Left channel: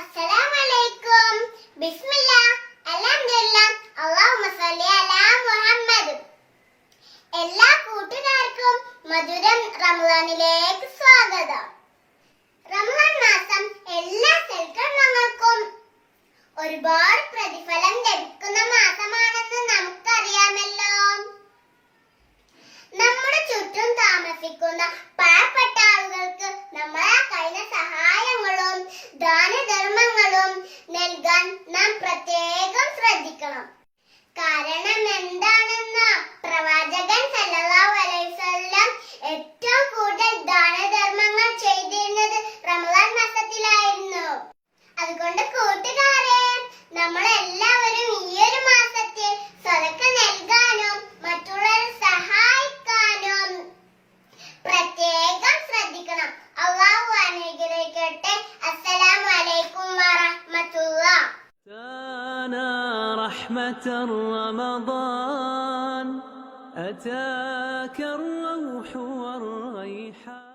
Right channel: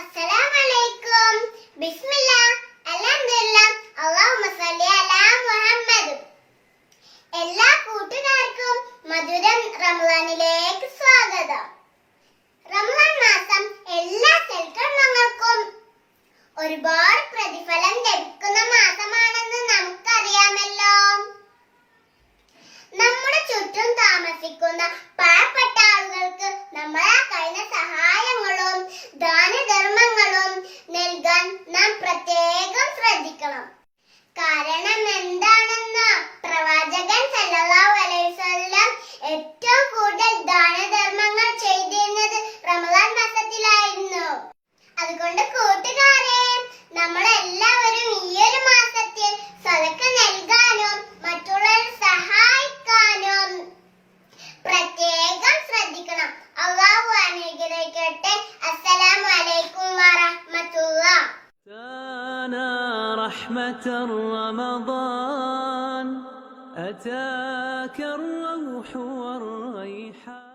അസ്സലാമലൈക്കും. ബിസ്മില്ലാ, അൽഹംദുലില്ലാ, അല്ലാഹുമ്മ സ്വല്ലി അലാ മുഹമ്മദ്. എല്ലാ കൂട്ടുകാർക്കും മധുരം റമളാനിലേക്ക് സ്വാഗതം. റമളാൻ മാസം എല്ലാ സൽക്കർമ്മങ്ങൾക്കും ഒരുപാട് പ്രതിഫലം ലഭിക്കുന്ന മാസമാണെന്ന് നമുക്കറിയാമല്ലോ. നമ്മുടെ ചുറ്റും താമസിക്കുന്ന പാവപ്പെട്ട ആളുകൾക്ക് നമ്മളെ കഴിയുന്ന സഹായങ്ങളും ദാനധർമ്മങ്ങളും നൽകാൻ നാം പ്രത്യേകം ശ്രദ്ധിക്കണം. കാരണം എന്താണെന്ന് പ്രവാചകൻ സല്ലല്ലാഹു അലൈഹി വസല്ലം ഏറ്റവും കൂടുതൽ ദാനധർമ്മങ്ങൾ ചെയ്തിരുന്നത് റമളാൻ മാസത്തിലായിരുന്നു. അതുകൊണ്ട് കൂട്ടുകാരെ, നമ്മളെല്ലാവരും ഈ ഒരു മാസത്തിൽ സദഖ നൽകാനും മറ്റുള്ളവരെ സഹായിക്കാനും പ്രത്യേകം ശ്രദ്ധിക്കണം. അല്ലാഹു അനുഗ്രഹിക്കട്ടെ. അസ്സലാമു അലൈക്കും വറഹ്മത്തുള്ളാഹി. رحمة رمضان أتاك الروح والريحان.